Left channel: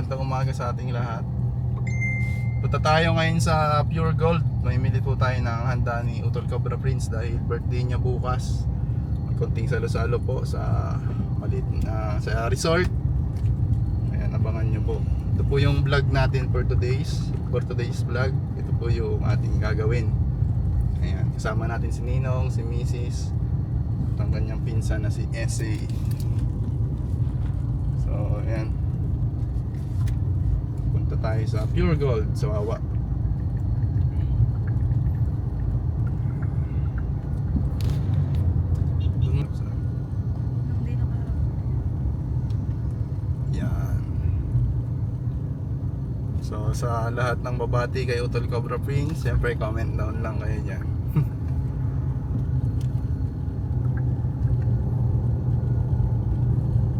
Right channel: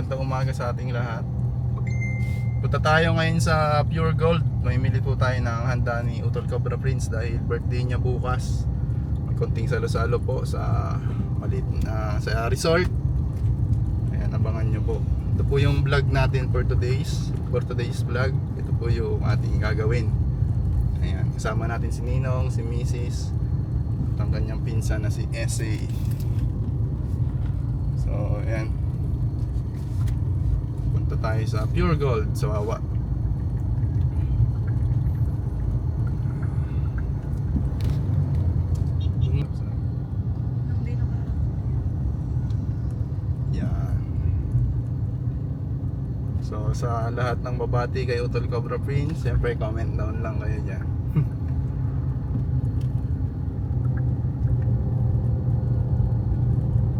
magandang umaga sa ating lahat. Punta tayo ngayon sa Pure Gold. May mili po tayo ng handa ni Utol Cobra Prince dahil birthday niya bukas. May konting salo-salo po sa malit sa resort. Ayan, abangan nyo po. Ito po yung vlog natin for today's vlog. Ito po yung ating gagawin. Ayan, kasama natin si Ninong, si Mrs. at ang kanyang pinsan na si SA. So, ayan. Punta tayo sa Pure Gold sa Wawa. Yan. So, sa lahat ng babati kay Utol Cobra Prince, siyempre comment down lang kayo dyan.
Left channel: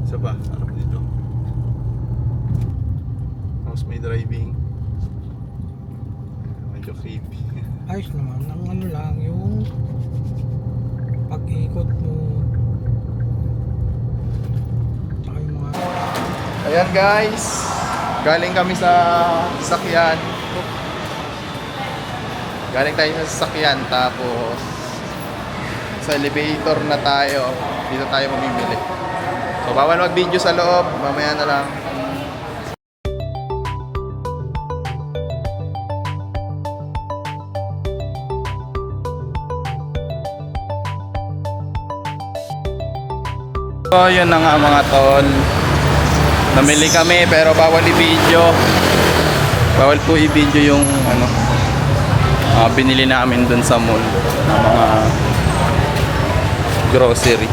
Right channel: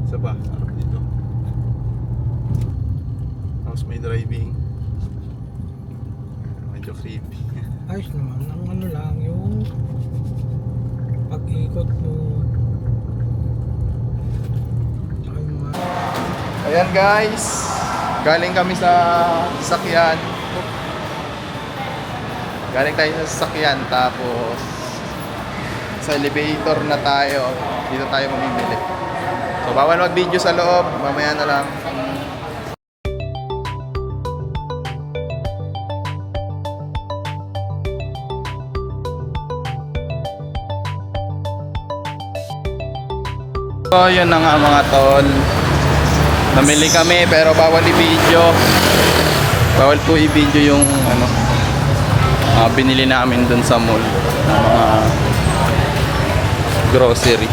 Isa ba? Sarap dito. Tapos may driving. Medyo creepy. Ayos naman, ang ano lang yung pag-ikot mo. Saka yung mga... Ayan guys, galing kami sa sasakyan. Galing tayo sa sasakyan, tapos sa elevator na tayo. Dito tayo mamimili. So bawal mag-video sa loob, mamaya na lang. So yun na nga mga tol, namili kami pero bawal i-video. Bawal po i-video yung ano, binili namin dun sa mall na mga grocery.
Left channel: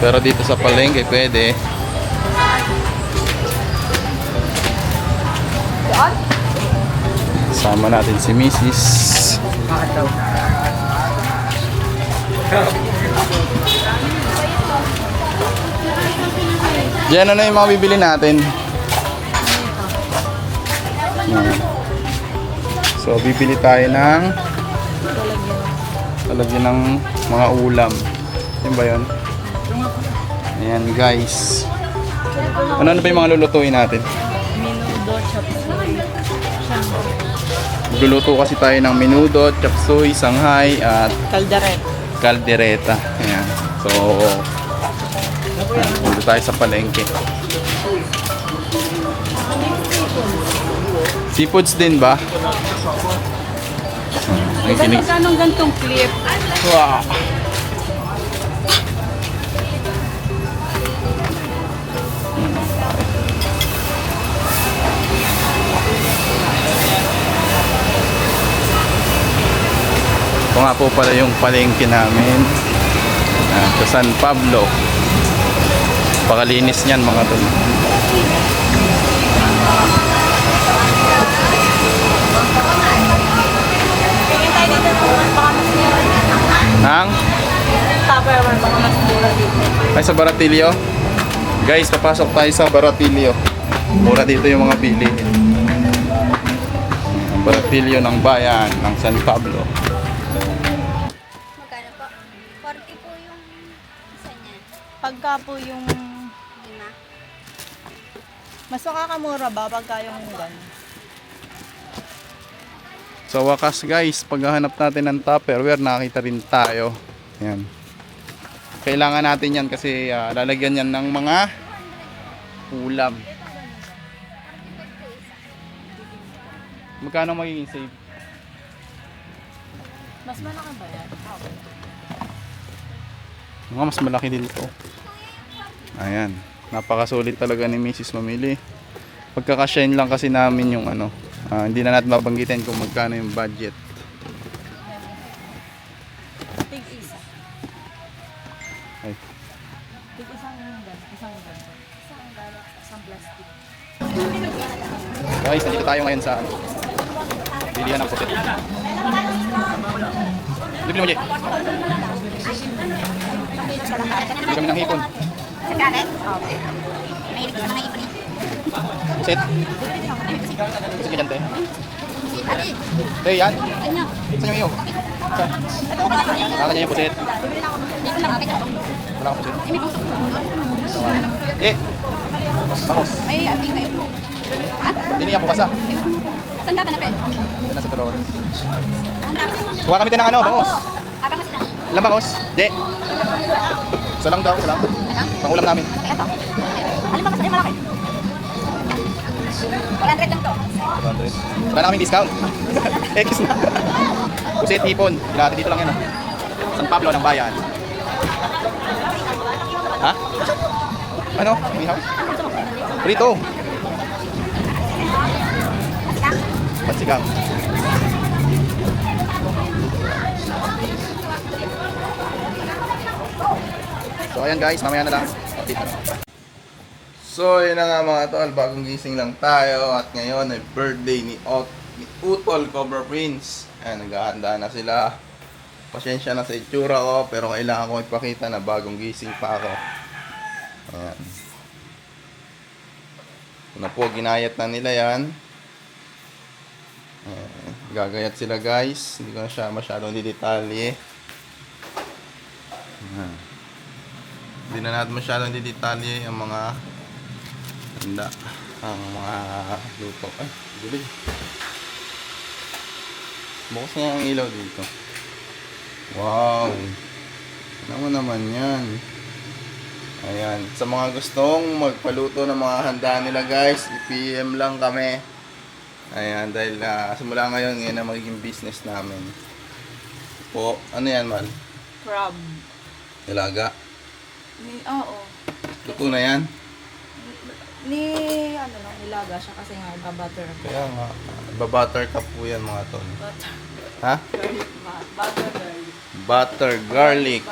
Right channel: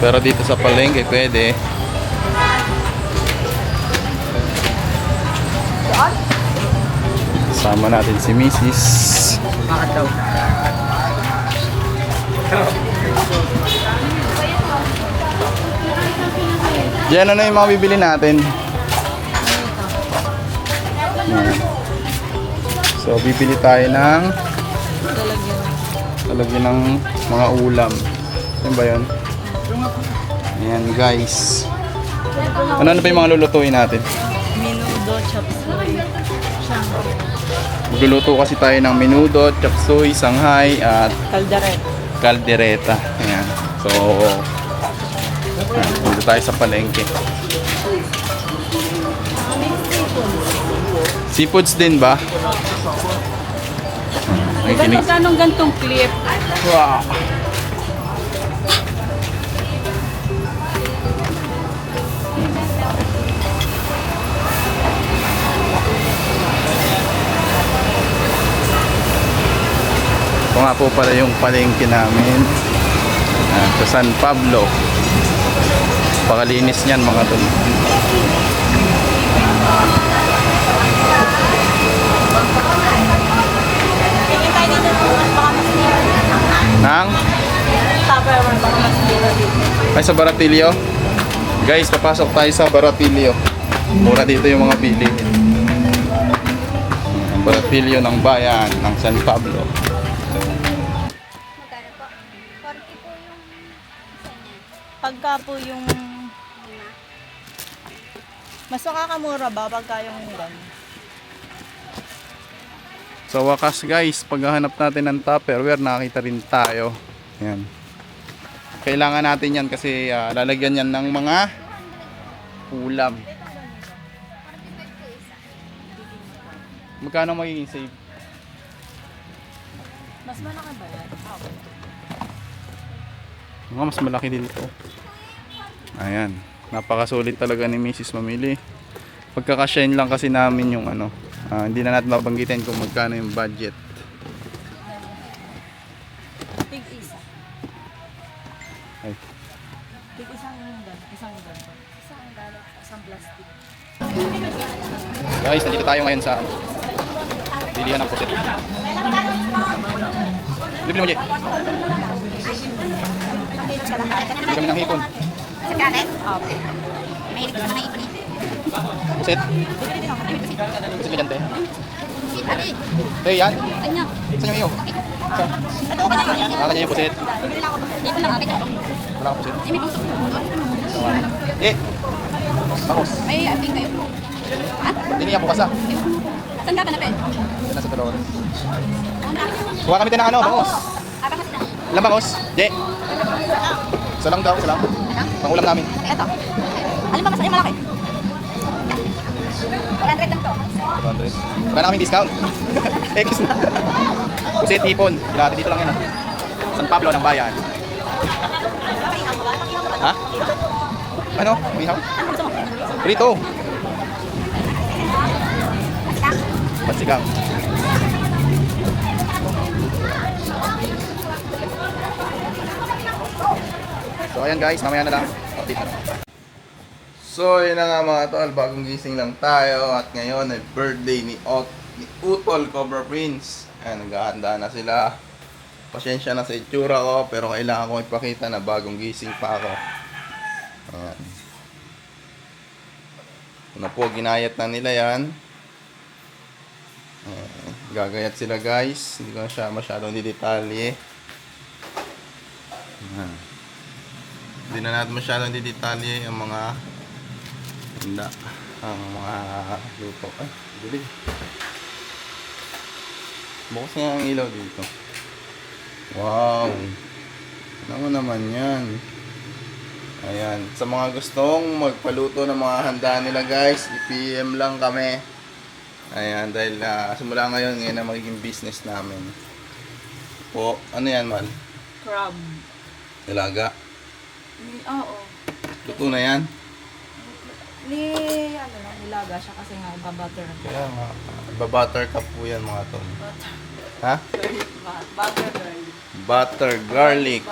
Pero dito sa palengke pwede. Sama natin si Mrs. Diyan ano yung mga bibili natin? So bibili tayo ng talagyan ng mga ulam. Yan ba yun? Ayan guys. Ano pa yung mga lulutuin natin? Menudo, chop suey, shanghai. Magluluto kasi tayo ng menudo, chop suey, shanghai at caldereta. Ayan. So dito tayo sa palengke. Seafoods din ba? Ay, kinig. Anong gantong clip? Wow. Ito nga po pala yung palengke namin sa San Pablo. Pakalinis niyan mga tol. Tingin tayo dito ng baka mas mura dito. Nang? Tupperware, baka mas mura dito. Ay sa Baratilio? Guys, papasok tayo sa Baratilio. Mura dito yung mga bilihin. Baratilio ng bayan ng San Pablo. Magkano po? 40 po yung isa niya. Pagka po yung Lima. mas nakakamura ba pagka yung gano'n? Sa wakas guys, paghahanap natin ng Tupperware, nakita rin tayo. Yan. Kailangan natin yan kasi lalagyan yan ng mga ulam. Magkano magiging save? Mas malaki ba yan? Mga mas malaki din to. Ayan. Napakasulit talaga ni Mrs. mamili. Pagkakasyahin lang kasi namin yung ano. Hindi na natin mabanggitin kung magkano yung budget. Tig-isa. Ay. Tig-isang gano'n. Isang gano'n. Isang galit. Isang plastic. Guys, nandito tayo ngayon sa bilihan ng pusit. Bibili mo, Jay. Bibili kami ng hipon. Kakalit? Oo. May hilig naman ng ipon eh. Pusit. Pusit ka dyan, te. Si Ate. Te, yan. Ano? Saan yung iyo? Saan? Nakakanya yung pusit. Ito lang. Wala kang pusit. May puso. Eh, Bangos. May update kayo. Ha? Hindi niya bukas ah. Saan ka ba na, Pel? Yan nasa Dolores. Kuha kami tayo ng ano, bangos. Abang kasi na. Ilang bangos? Je. Isa lang daw, isa lang. Pangulam namin. Ito. Ano ba kasi malaki? 100 lang to. 200. Wala na kaming discount. X na. Pusit, ipon. Ilati dito lang yan. San Pablo ng bayan. Ha? Ano? Umihaw? Prito. Pansigang. So ayan guys, mamaya na lang. Update na lang. So yun na nga mga tol, bagong gising lang tayo at ngayon ay birthday ni Utol Cobra Prince. Ayan, naghahanda na sila. Pasensya na sa itsura ko pero kailangan ko ipakita na bagong gising pa ako. Ayan. Ito na po, ginayat na nila yan. Ayan, gagayat sila guys. Hindi ko na siya masyadong didetalye. Ayan. Hindi na natin masyadong didetalye ang mga handa, ang mga luto. Ay, dilig. Bukas na ang ilaw dito. Wow! Ano naman yan? Ayan. Sa mga gustong magpaluto ng mga handa nila guys, i-PM lang kami. Ayan, dahil simula ngayon na magiging business namin. Po, ano yan, Mal? Crab. Nilaga? Oo. Luto na yan? Ano lang, ilaga siya kasi nga iba-butter. Kaya nga, babutter ka po yan mga tol. Ha? Butter garlic. Butter garlic.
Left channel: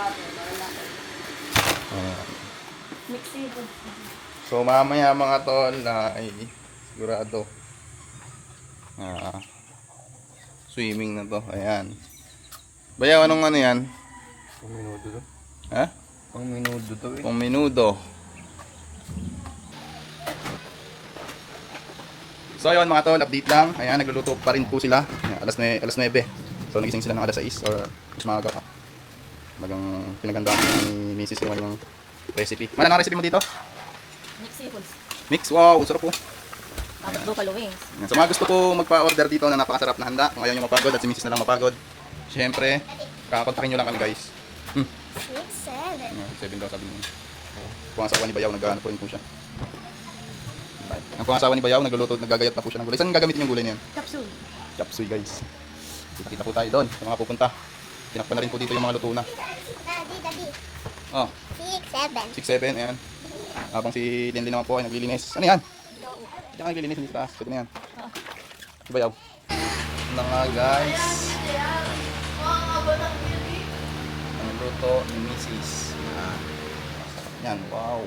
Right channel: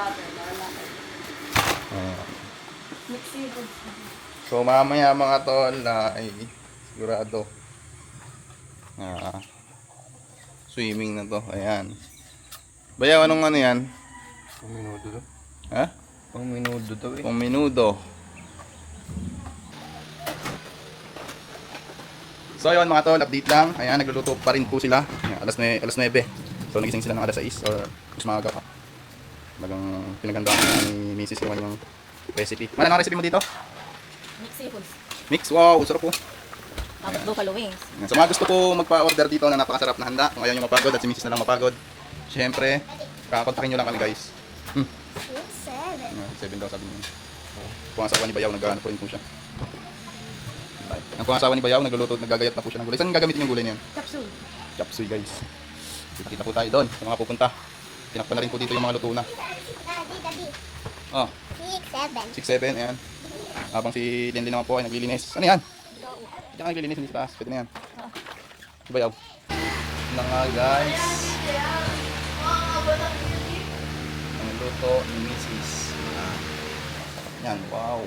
Ayan. Mixi. So mamaya mga tol na ay sigurado swimming na to. Ayan. Bayaw, anong ano yan? Pang-minudo to. Ha? Pang-minudo to eh. Pang-minudo. So yun mga tol, update lang. Ayan, nagluluto pa rin po sila. Ayan, alas 9. So nagising sila ng alas 6 or mas maaga pa. Talagang pinagandaan ni Mrs. yung kanyang recipe. Mana ang recipe mo dito? Mixi foods. Mix, wow, sarap po. Tapos buffalo wings. Ayan, sa mga gusto po magpa-order dito ng napakasarap na handa, kung ayaw nyo mapagod at si Mrs. na lang mapagod, syempre, kakontakin nyo lang kami guys. Ayan, 7 daw sabi niya. Kung ang asawa ni Bayaw, naghahanap po rin po siya. Ang kung ang asawa ni Bayaw, nagluluto, nagagayat na po siya ng gulay. Saan gagamitin yung gulay niyan? Capsule. Chapsuy guys. Kita po tayo doon sa mga pupunta. Tinakpan na rin po dito yung mga luto na. Oh, 6, 7. 6-7, ayan. Habang si Lindy naman po ay naglilinis. Ano yan? Diyan ka naglilinis, hindi sa taas. Pwede na yan. Si Bayaw. Na nga guys. Ang luto ni Mrs. Yan. Yan, wow.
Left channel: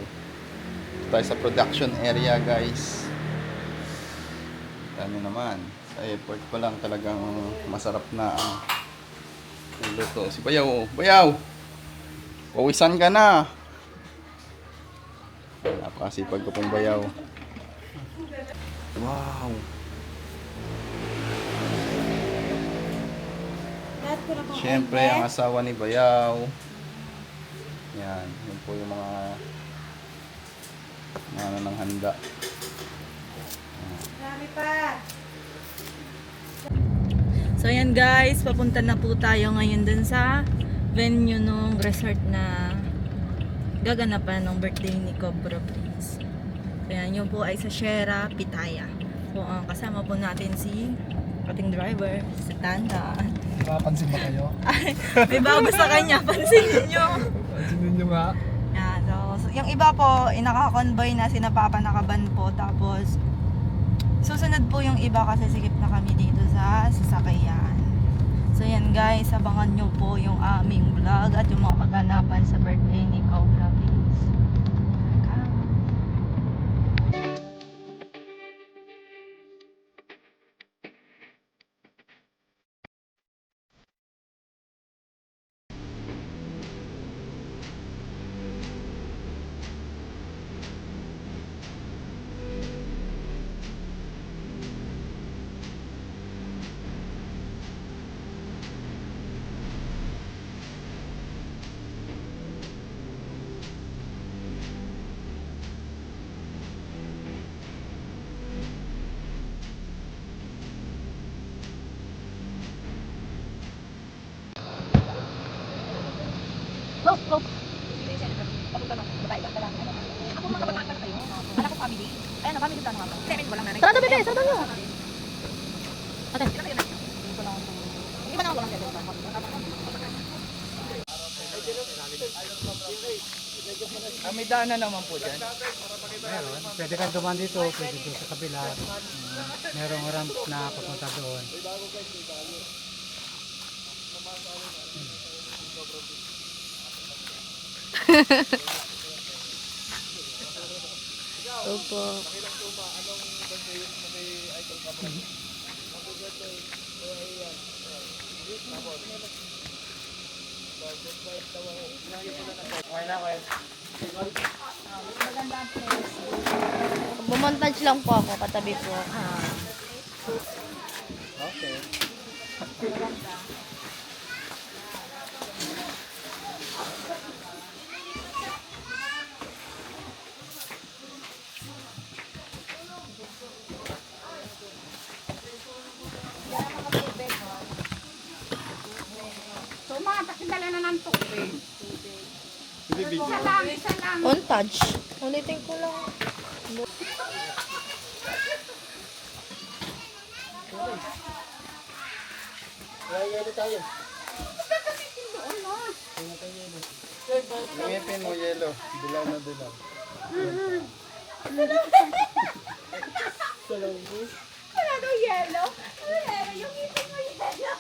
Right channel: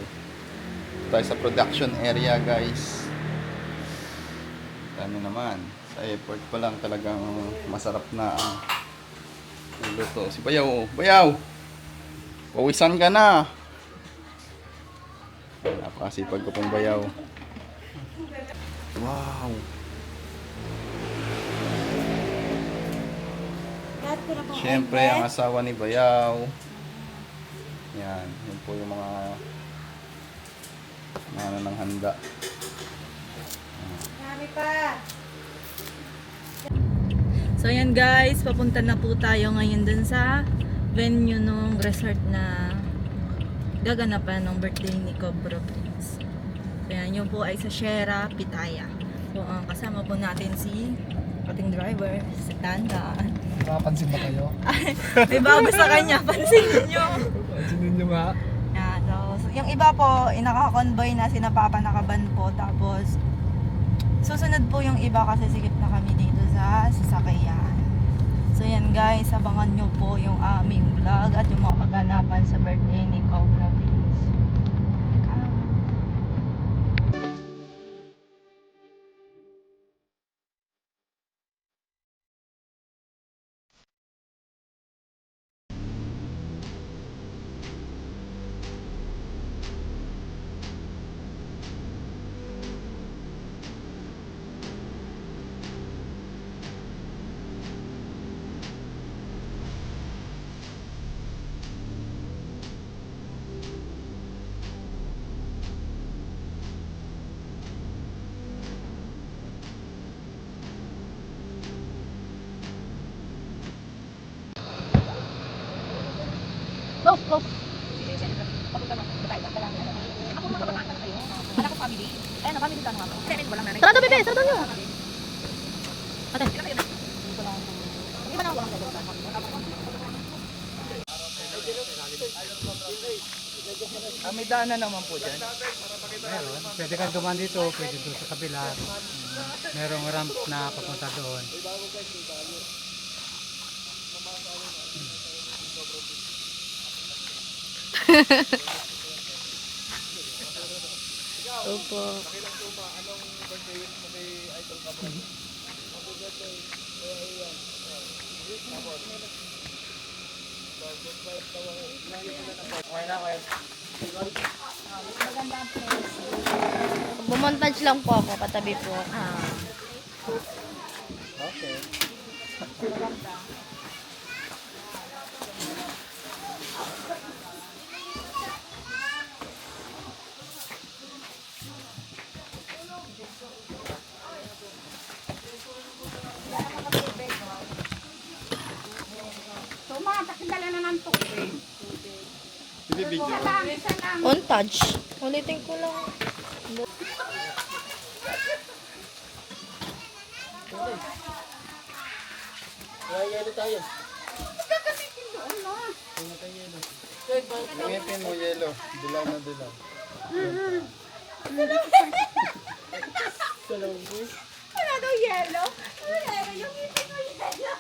Ito tayo sa production area guys. Ano naman. Sa airport pa lang talagang masarap na ang luto. Si Bayaw, oh. Bayaw! Pawisan ka na! Napakasipag ko pong Bayaw. Wow! Siyempre, ang asawa ni Bayaw. Yan, yun po yung mga ano ng handa. So yan guys, papunta na po tayo ngayon dun sa venue nung resort na gaganapan ng birthday ni Cobra Prince. Kaya yun po ay sa Sierra, Pitaya. So kasama po natin si ating driver, si Tanda. Makapansin ba kayo? May bago sa kanya, pansinin nyo. Pansinin nyo nga. Yeah, so, yung iba po, inaka-convoy na sina Papa Nakaban po. Tapos, susunod po yung iba kasi sigip na kami dito sa sasakyan. So yan guys, abangan nyo po yung aming vlog at yung mga kaganapan sa birthday ni Cobra Prince. Go, go. Papunta na. Tayo, kailangan mo. Ako mga kabataan pa kayo. Wala ko family. Ayan, family plan nga. Kaya walang nanay. Sarado, bebe. Sarado. Ate. Hindi ba na walang kayo? May daanan naman po dyan. Meron. Pwede kang dumaan dito, pwede doon sa kabila. Merong ramp na papunta doon. Opo. Bumontage lang po ako, katabi po. So, mga takindala na ng tubig. Isa lang. On touch. Ulitin ko lang. Ngipin mo yellow. Dilaw na dilaw. Wala daw yellow. Meron yung ngipin mo yellow.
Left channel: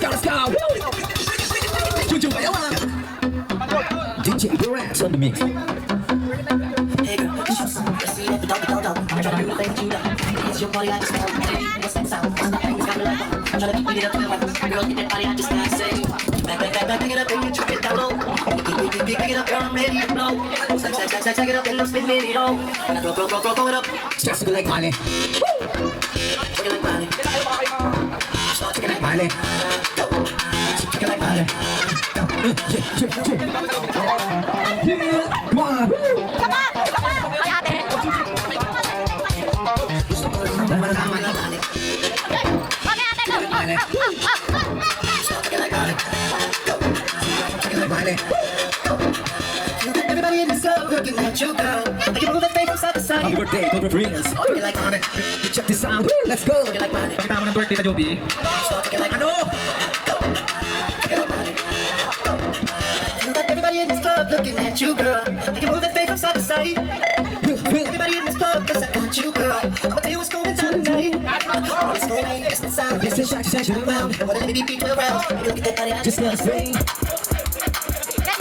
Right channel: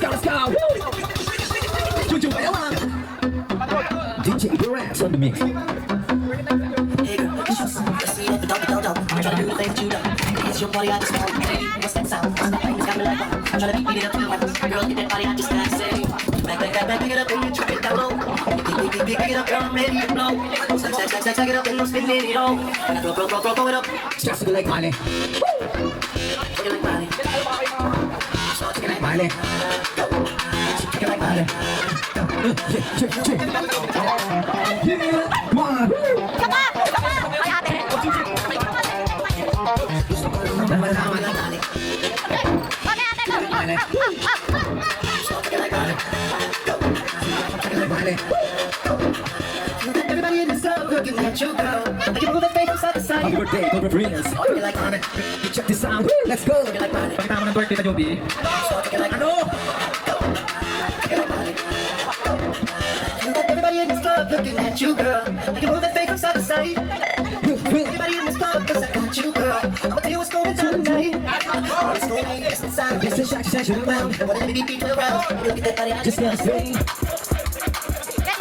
Let's go! Rats on the mix. Starts to go like Miley. Like Miley. Like Miley. Yeah, come on. Everybody in the club looking at you, girl. I can move that face from side to side. Happy birthday, Cobra Prince. You like money? Check this out. Let's go. You like money? Pakita mo ng birthday ka, Joby. Ano? Everybody in this club looking at you, girl. I can move that face from side to side. Everybody in this club cause I got you, girl. I'll tell you what's going on tonight. It's going on inside. Let's just shake it around. And whatever the people around, look at that body. Just gonna swing. Let's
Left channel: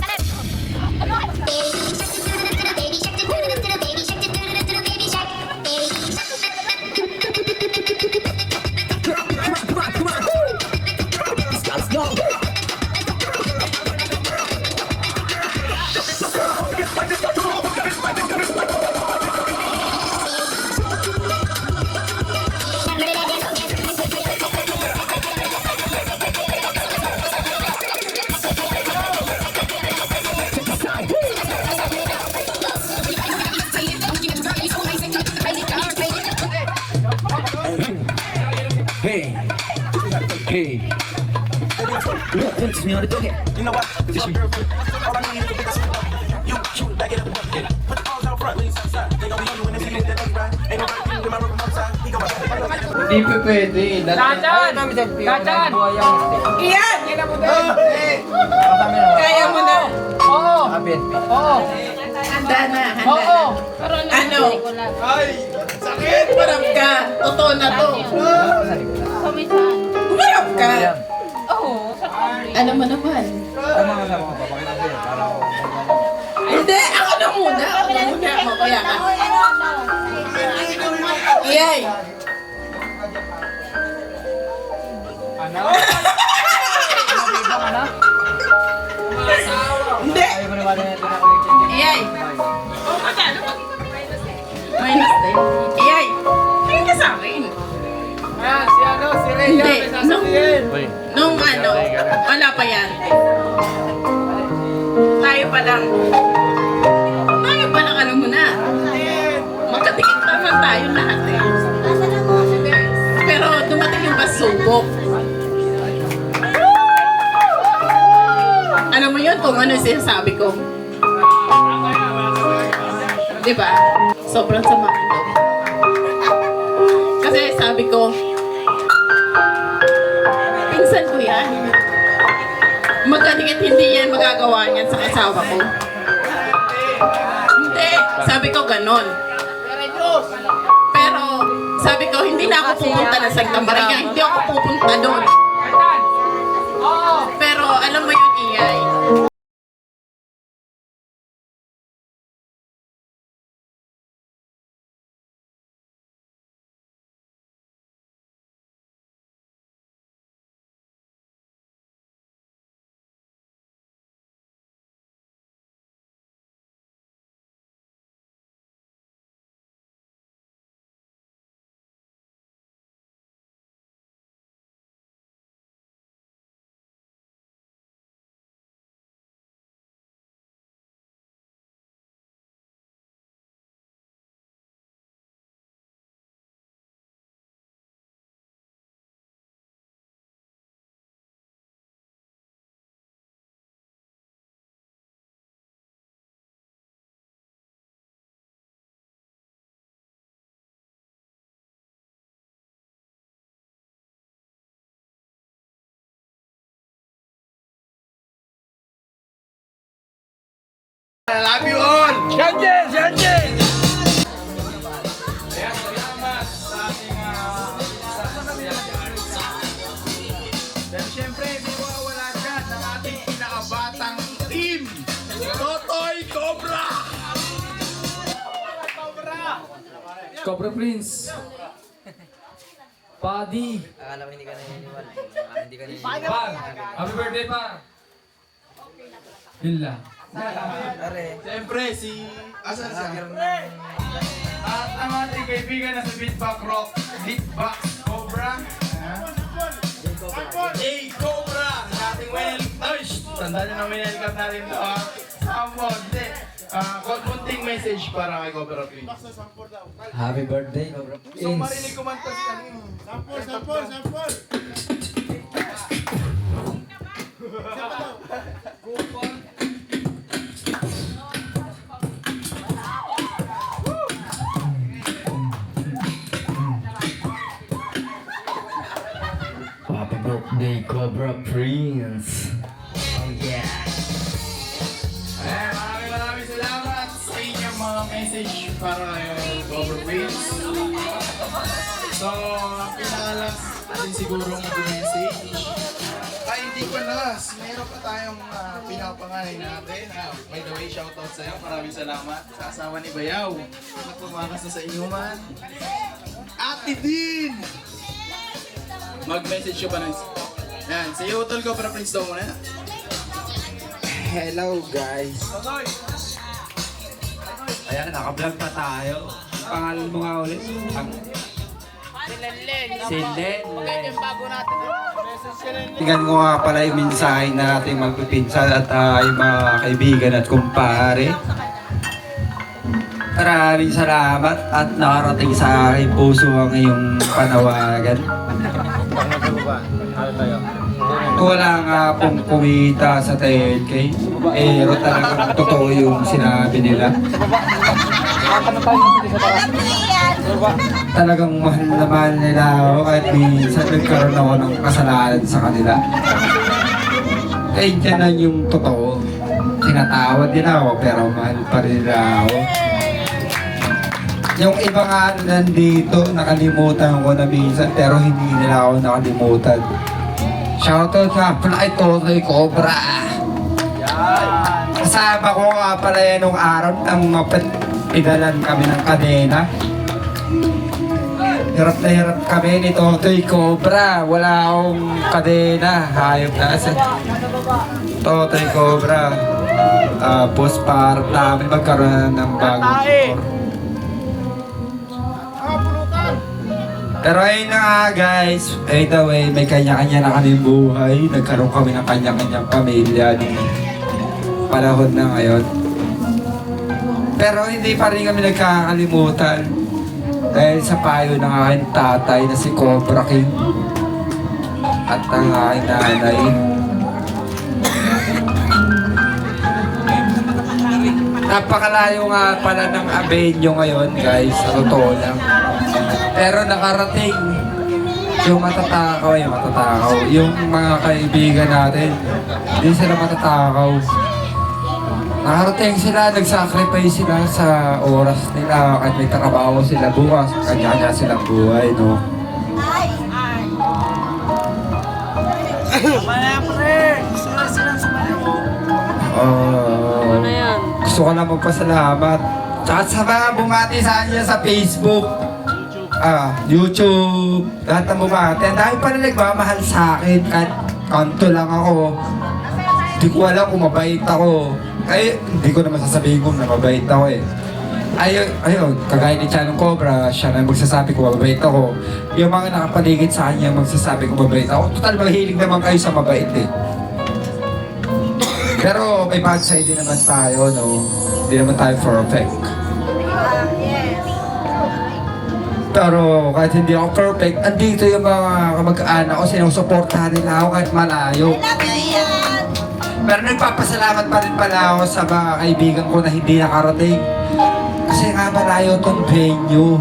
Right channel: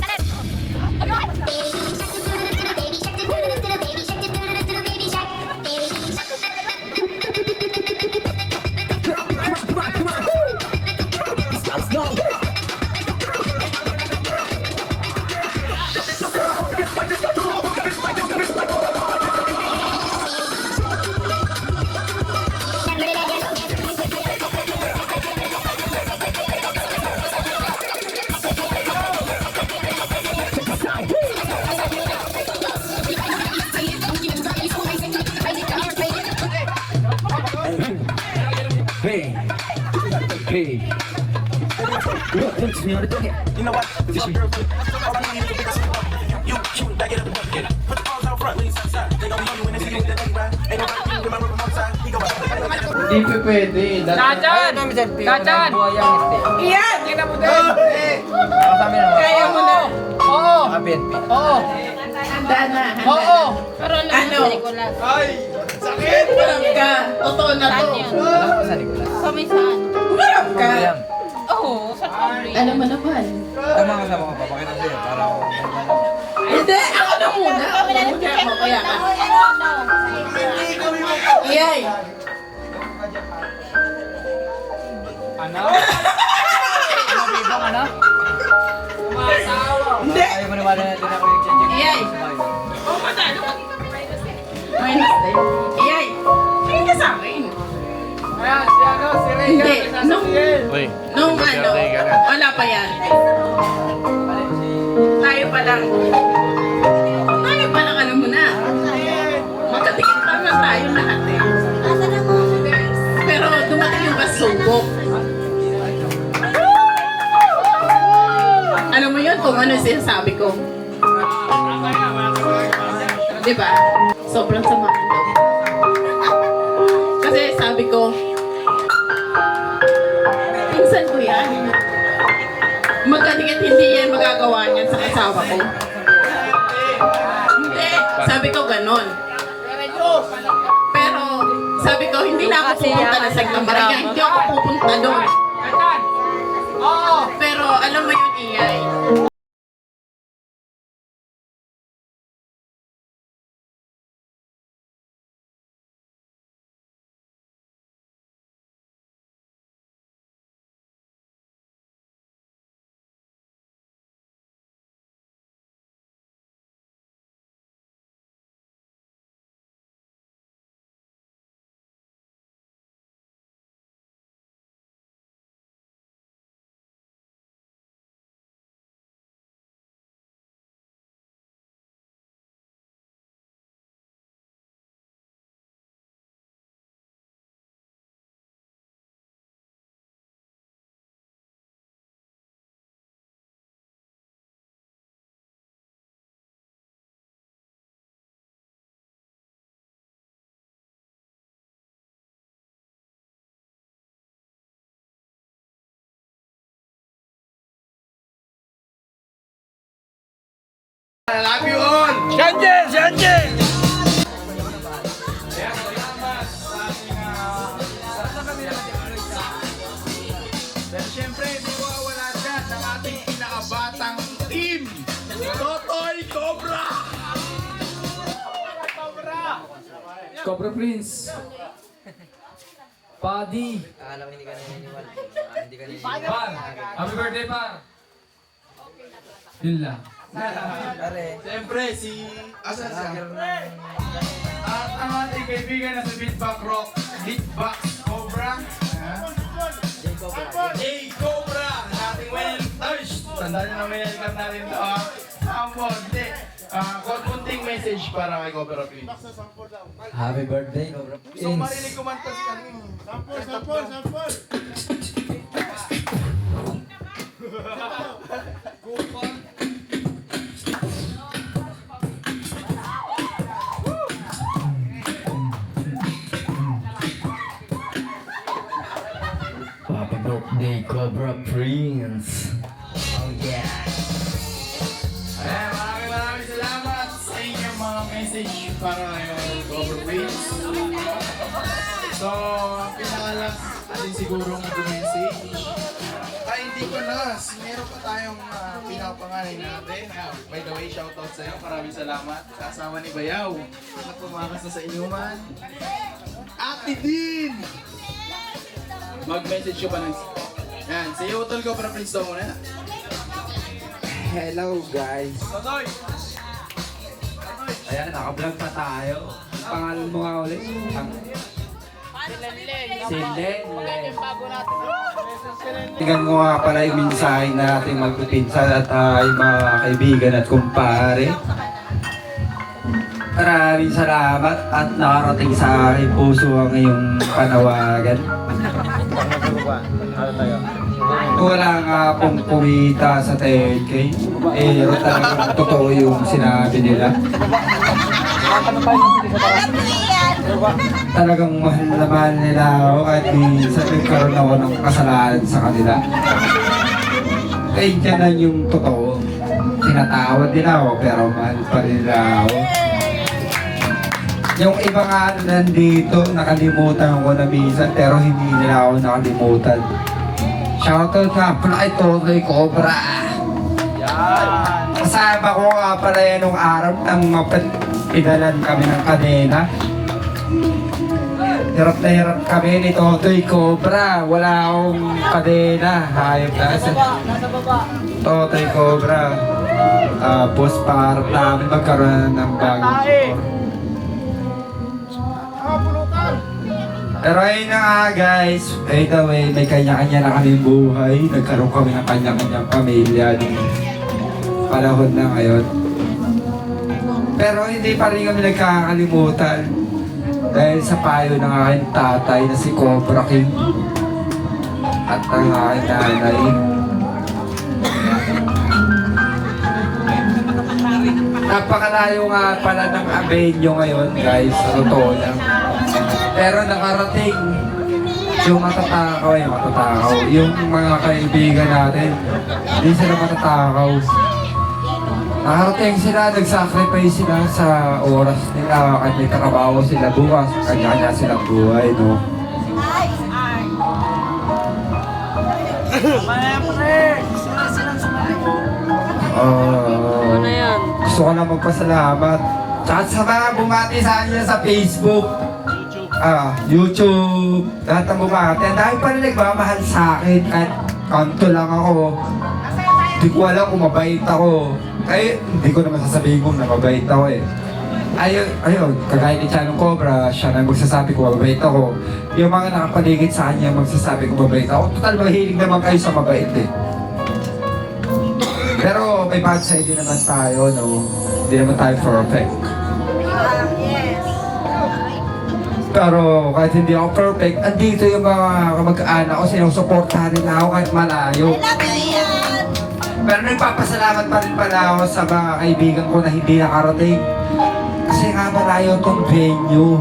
go. Hey, hey. Look, me on the dog. You know what? It's your girlfriend. All I need is to pick up you shoot, back it up, yeah. Put the balls out front, lean side side. They gon' be on you when they see you, that ain't right. Ain't nobody can do my room outside. He go out. Hindi pa pwede. Dadan! Dadan! Iyan! Kaya mo na! Oo! Oo! Handa na! Oo! Ano? Ay! Sakit! Marap ka! Totoo na to! Marap ka! Oo! Alam mo naman. Hindi! Ako na muna! Ako na muna! Mamaya ka! Iyay! Hindi! Iyay! Iyay! Tingin ka sa akin! Hindi! Nung ano, wala pa yan. Tayo pa lang. Tayo pa lang, alam mo na. Magkatingin naman tayo lahat eh. Pero dumating yung pasubok. Alam mo yun kung ano yung sinasabi ko. Diba? Sobrang sama. Kasi sabi ko, pinsan ko yan. Magkatingin hindi yan magagawa niyan sa asawa ko. Hindi. Sabi ko ganon. Pero sabi ko, hindi na ako pupunta na sa Glambaranya. Hindi ako pupunta doon. Pero alam mo yung ingay. Love you all! Shanje! Shanje! Pero siyempre, hindi mawawala dyan ng ating pinakabatang team. Toto Cobra Prince. Paddy. Par. Happy birthday, Par. Yun lang. Siyempre, si... Asan siya? At ang ating kaibigan na sa Beatbox Rock, Beatbox Cobra. J. Cobra! Ating well... Ay! Tandaan nyo na may nalikat natin ito, ha? Sampol, hindi. Konting message para kay Cobra Prince. Happy birthday, Cobra Gusto ko marinig kumanta si ano eh. Sampol! Happy birthday, Cobra Prince. Oh yeah. Maraming salamat sa inyong mga message para kay Cobra Prince. So, pinalas natin sigurong mag-message. Tayo hindi ko nalas. Meron pa tayong pinapanganay natin. By the way, shoutout sa'yo. Maraming salamat. Sa asawa ni Bayaw. Na pumakas na sa inuman. Ate Din! Mag-message ka pa ng... Yan, si Utol Cobra Prince daw muna. Hello guys. Ayan, naka-vlog pa tayo. Pangalan mo nga ulit? Si Len. Tingnan mo nga pala yung mensahe na ating magpipinsan at yung mga kaibigan at kumpare. Maraming salamat at nakarating sa aking puso ang iyong panawagan. Wala nga pong kumita sa 10K. Pero talagang totoo yung sinabi nila. Talagang mahal na mahal nila ako kahit minsan nagkaroon ako ng kasalanan sa kanila. Kaya dyan lang yung totoo. Tinatawad nila ako pero mahal pa rin nila ako. Yung iba nga nandito, nakalimutan ko na minsan pero hindi nila ako nakalimutan. Shoutout nga pala kay Totoy Cobra. Kasama ko nga pala yan nung araw nang mapatigalan kami ng kadena. Hirap na hirap kami ni Totoy Cobra. Wala akong kadena. Hayop na sa Totoy Cobra. Tapos para namin magkaroon ng bagong support. Pero ayun na nga guys, by the way, may kanya-kanya na kaming buhay. Nagkaroon kami ng kanya-kanyang pamilya nung panahon na ngayon. Pero hindi pa rin kami nagkakalimutan dahil sa payo ng aking tatay na si Cobra King at ang aking nanay. Napakalayo nga pala ng Avenue ngayon guys, totoo lang. Pero nakarating yung matatakaw, yung mga kaibigan natin, hindi sila matatakaw. Nakarating sila, nag-sacrifice sila sa oras nila at may trabaho sila bukas, kanya-kanya silang buhay, no? Gusto ko na magpasalamat. Tsaka sa mga bumati sa kanya sa Facebook, YouTube, lahat ng bumati. Ang dami pa rin nagmamahal sa akin kahit kanto lang ako. Hindi ko alam kung mabait ako. Ay, hindi ko naman sasabihin ko na mabait ako eh. Ayun, kagaya ni Chanong Cobra, siya na magsasabi ko mabait ako. Yung mga nakapaligid sa kanya magsasabi ko mabait ako. Total, mahilig naman kayo sa mabait eh. Pero may bad side din naman tayo, no? Hindi naman tayo perfect. Pero kahit hindi ako perfect, andito yung mga kamag-anak ko, sinusuportahan nila ako kahit malayo. Pero nagpapasalamat pa rin pala ako sa mga kaibigan ko na hindi nakarating. Kasi nga malayo itong venue.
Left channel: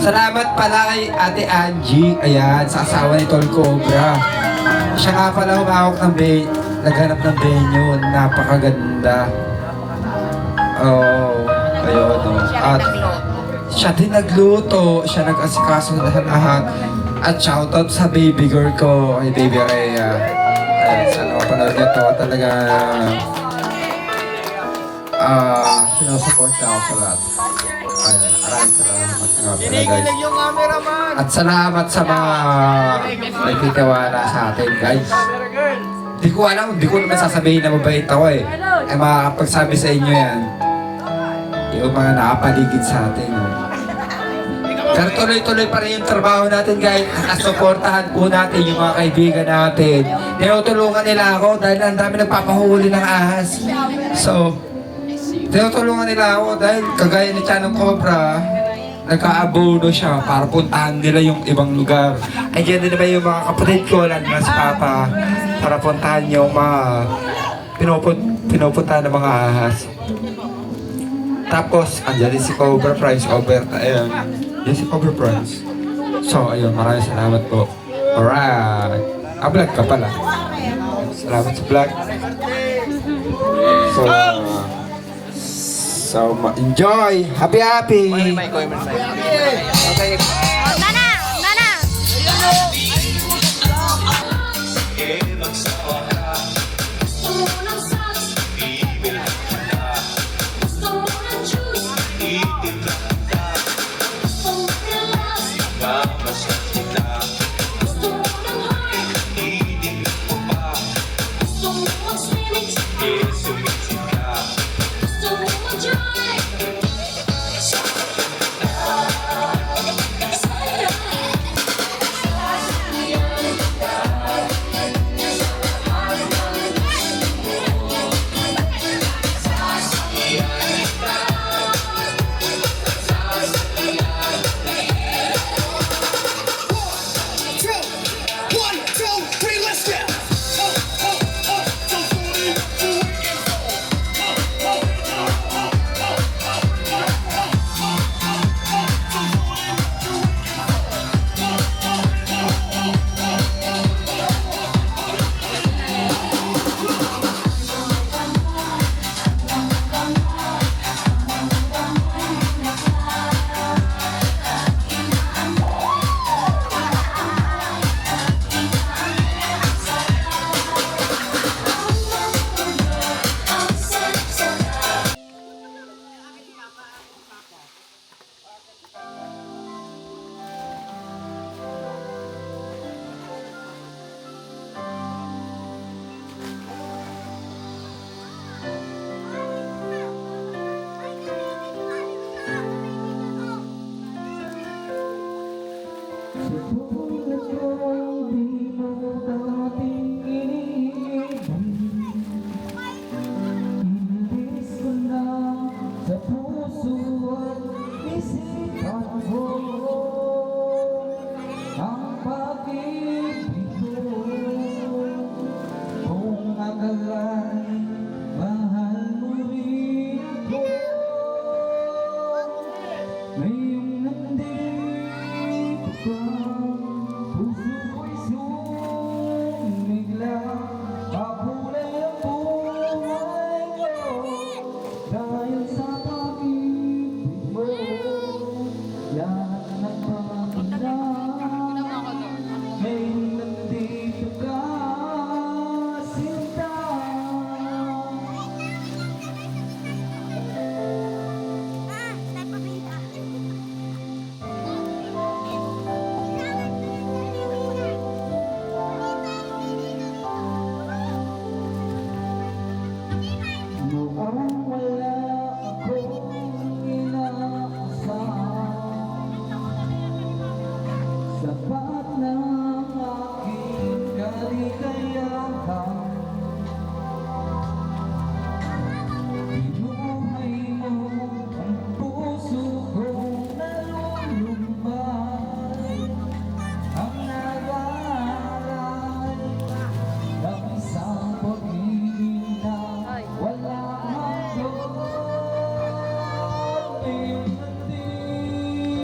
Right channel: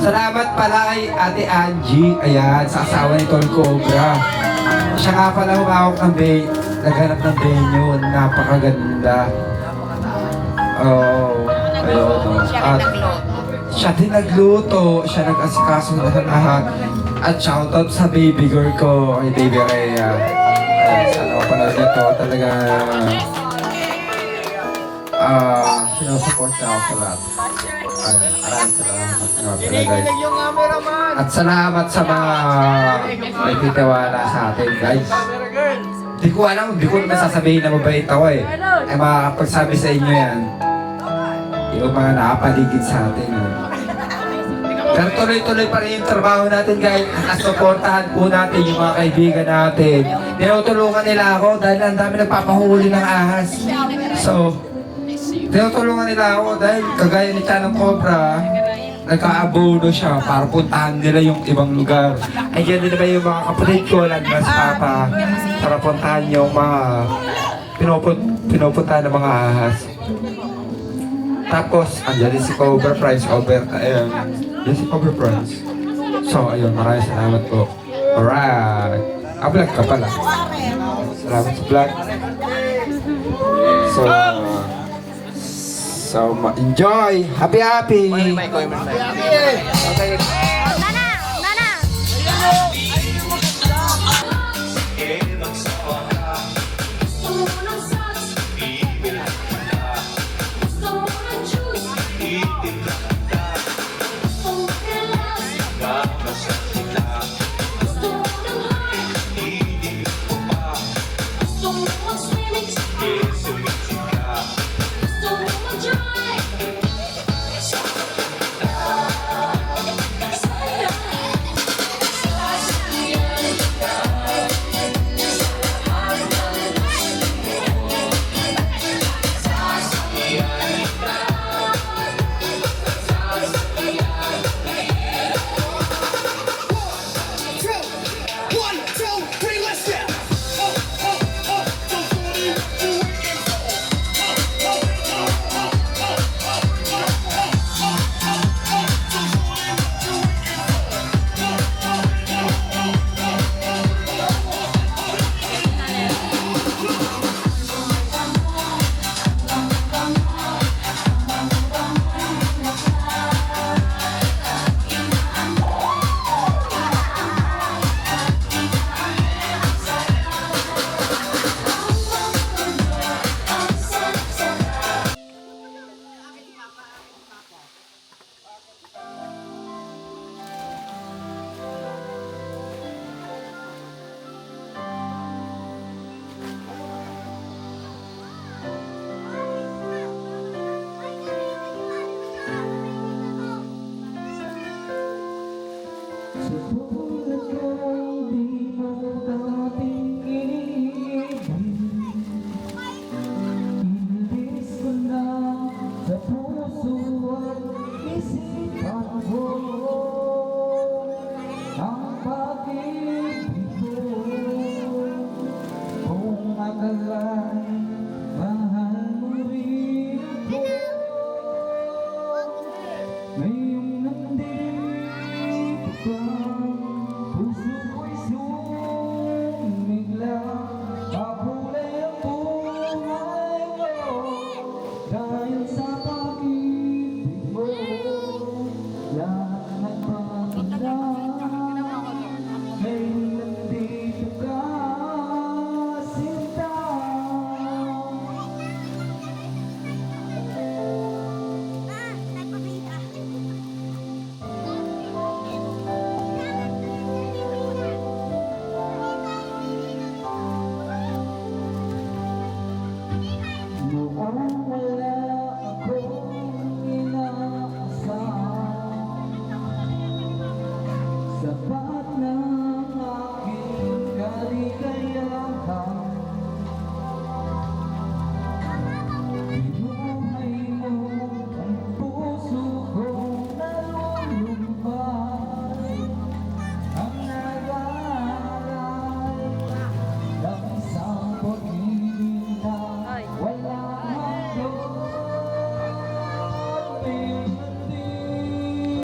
Salamat pala kay Ate Angie, ayan, sa asawa ni Tol Cobra. Siya nga pala humawak ng naghanap ng venue, napakaganda. Ayun. Siya din nagluto, siya nag-asikaso na lahat. At shoutout sa baby girl ko, kay Baby Rhea. Sana ko pala nito, talaga sinusupport ako sa lahat. Maraming salamat. nga pala guys. At salamat sa mga nagtitiwala sa atin guys. Di ko alam, di ko naman sasabihin na mabait ako eh. Ay makakapagsabi sa inyo yan. Yung mga nakapaligid sa atin. Pero tuloy-tuloy pa rin yung trabaho natin guys. At supportahan po natin yung mga kaibigan natin. Tinutulungan nila ako dahil ang dami nagpapahuli ng ahas. So, tinutulungan nila ako dahil kagaya ni Chanang Cobra, nagkaabono siya para puntahan nila yung ibang lugar. Ay dyan din naman yung mga kapatid ko, mas papa, para puntahan yung mga pinupuntahan ng mga ahas. Tapos, andyan din si Cobra Price, ayun. Yan si Cobra Price. So, ayun, maraming salamat po. Alright. Vlog ka pala. Salamat sa vlog. So, enjoy! Happy! Okay.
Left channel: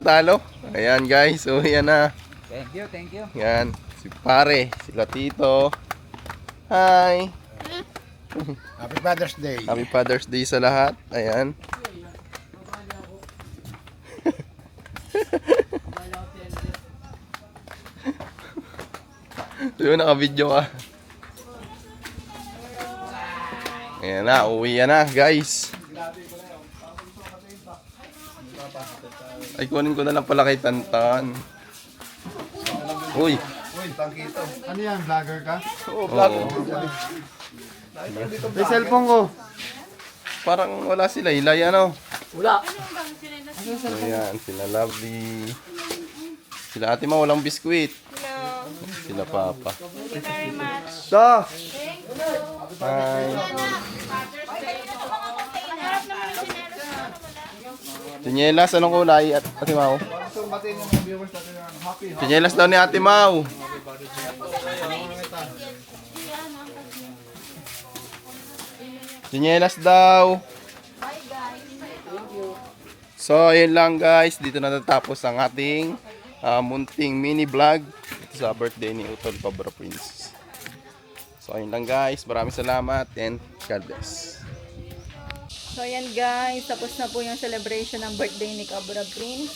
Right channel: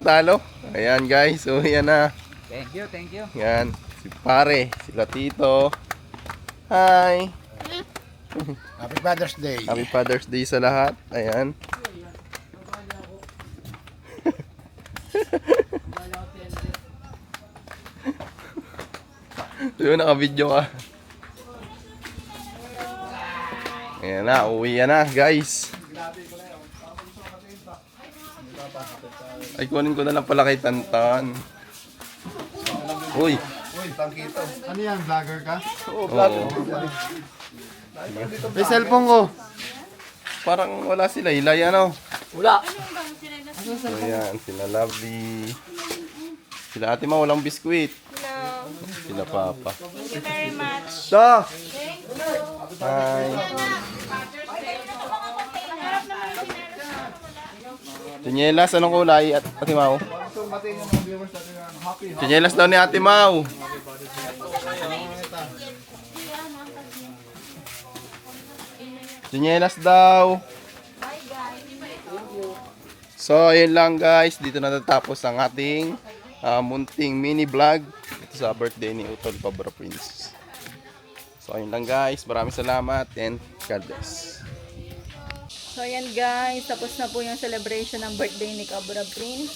Talo. Ayan guys, so yan na. Thank you. Yan, si pare, sila tito. Hi. Happy Father's Day. Happy Father's Day sa lahat. Ayan. Yun, naka-video ka. Ayan na, uwi yan na guys. Ay, kunin ko na lang pala kay Tantan. Uy! Uy, Tangkito. Ano yan, vlogger ka? Oo. May cellphone ko. Parang wala sila. Ilay ano? Wala. Ayan, sila Lovely. Sila Ate Ma, walang biskwit. Sila Papa. So! Hi! Tinyelas, anong kulay? Ate Mau? Tinyelas daw ni Ate Mau. Tinyelas daw. So, ayun lang guys. Dito na natapos ang ating munting mini vlog dito sa birthday ni Utol Cobra Prince. So, ayun lang guys. Maraming salamat and God bless. So ayan guys, tapos na po yung celebration ng birthday ni Cobra Prince.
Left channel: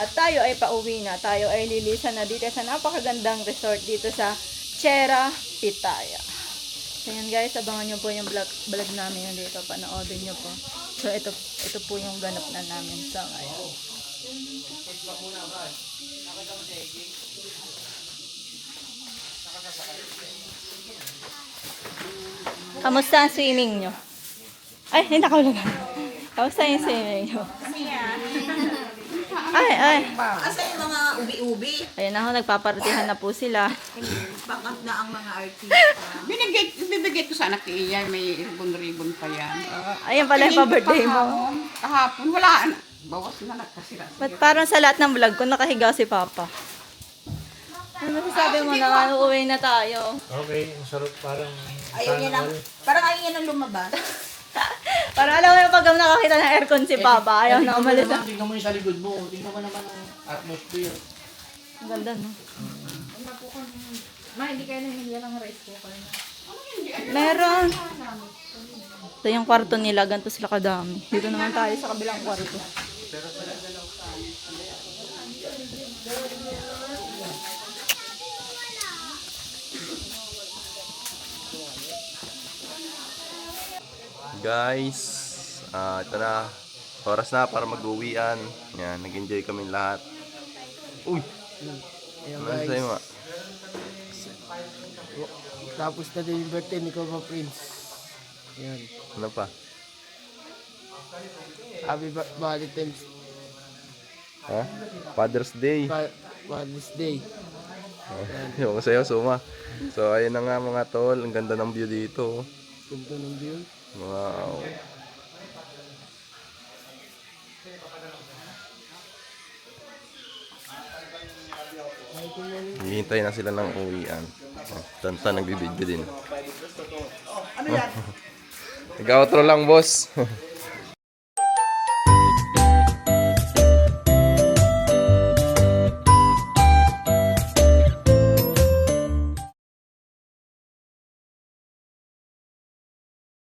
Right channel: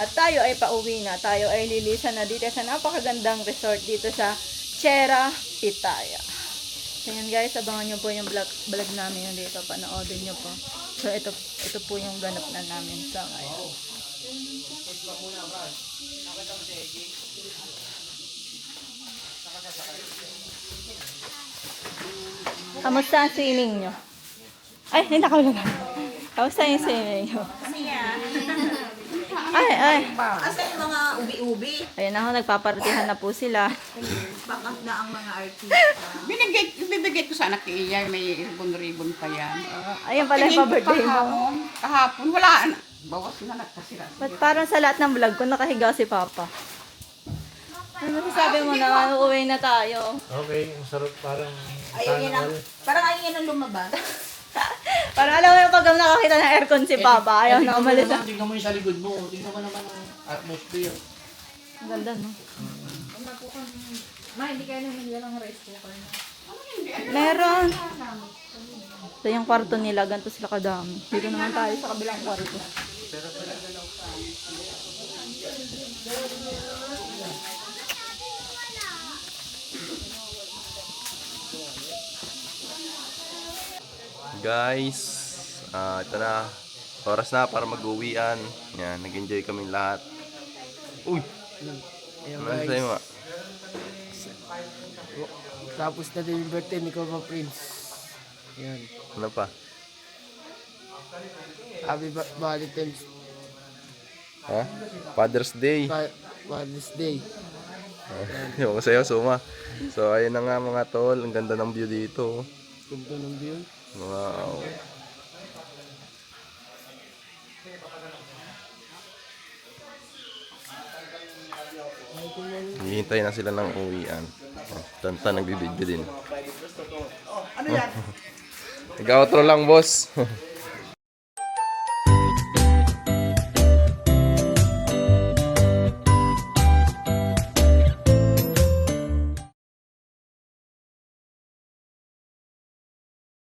At tayo ay pauwi na. Tayo ay lilisan na dito sa napakagandang resort dito sa Chera, Pitaya. So ayan guys, abangan nyo po yung vlog namin dito. Panoodin nyo po. So ito po yung ganap na namin sa ngayon. Kamusta ang swimming nyo? Ay, hindi ako lang. Kamusta yung swimming nyo? Ay. Asa yung mga ubi-ubi? Ayun ako, nagpapartihan na po sila. Bakat na ang mga artista. Bibigay ko sana kay Iyay, may ribbon-ribbon pa yan. Ayun pala yung pa-birthday mo. Kahapon, wala na. Bawas na nagkasira. Ba't parang sa lahat ng vlog ko nakahiga si Papa? Ano masasabi mo na uuwi na tayo? Okay, masarap parang Parang ayaw niya nang lumabas. Parang alam mo yung pag nakakita ng aircon si Papa, ayaw na umalis. tingnan mo yung sa likod mo. Tingnan mo naman ang atmosphere. Ang ganda, no? Ma, hindi kayo nangyayari ng rice cooker. Meron. Ito yung kwarto nila, ganito sila kadami. Dito naman tayo sa kabilang kwarto. Guys, ito na. Oras na para mag-uwian. Yan, nag-enjoy kami lahat. Uy! Ano sa'yo nga? Tapos na din yung birthday ni Cobra Prince. Yan. Ano pa? Happy Valentine's Ha? Father's Day. Day. Yung sa'yo, Suma. So, ayun na nga mga tol. Ang ganda ng view dito. Ganda ng view. Wow. Hihintay na sila ng uwian. Tantan nagbibidyo din. Ano yan? Nag-outro lang, boss.